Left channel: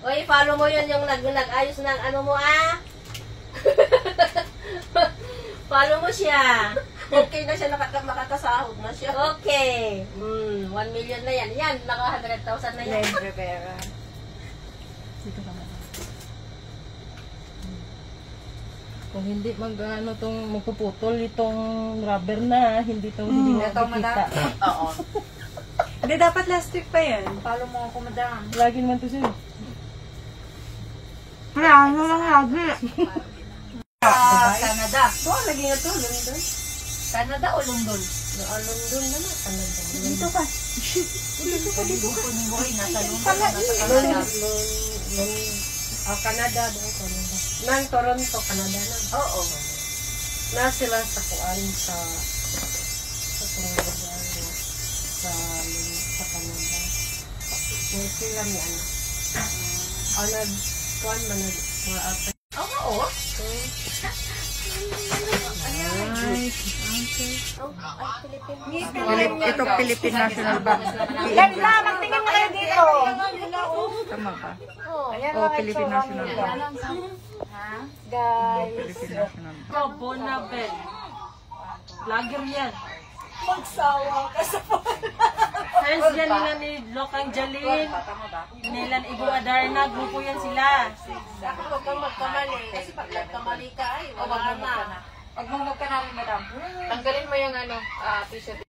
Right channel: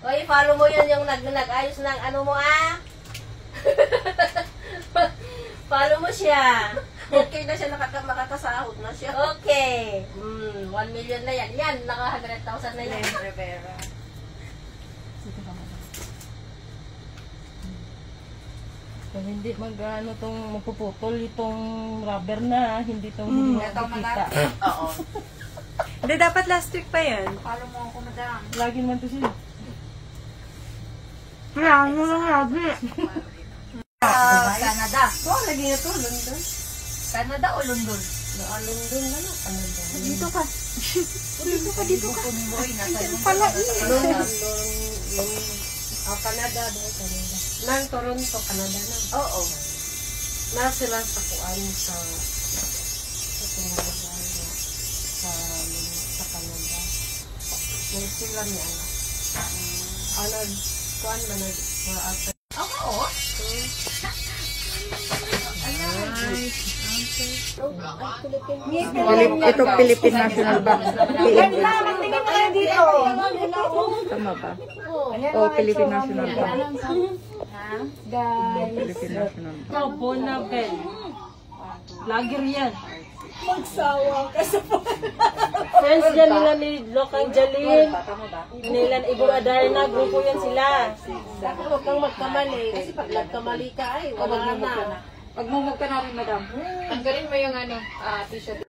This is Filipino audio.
Oy, follow mo yun yung nag-ayos ng ano mo Follow mo siya. Okay na siya, makatasahod na siya. Okay. 1 million na yan. Yan, naka 100,000 na yan. Len Rivera. Dito ka muna. Kung hindi mag-ano tong magpuputol itong rubber na, hindi Ito, makikita. madam. Oo. Hindi, dapat last week pa yan. Follow mo ako, madam. Lagi naman to siya. Wala, ano lang lagi. Canada. Oh, lagi na to, London. Canada o London? London na na, Canada. Dito ka. Dito ka, dito ka. Nasa London. Canada ba? Canada. Nang Toronto, Canada na. Oo. Na sila sa kuan sa Canada. Sa Canada. May sila ni ano. Kuan ba mga after. Oo. Ito Philippine National Bank. Tama ba? Oh, Philippine National Bank. Guys. Philippine National Bank. Ito, Bonabel. Lager yan. Magsawa ka sa Friends dyan nila ni Lokang Jalil. Nila Ibu Adarna. Grupo yan sila. Huwag kang magkamali. Kasi pag nagkamali ka, ay wala na. Pagmumog ka namin, madam. Tanggalin mo yung t-shirt.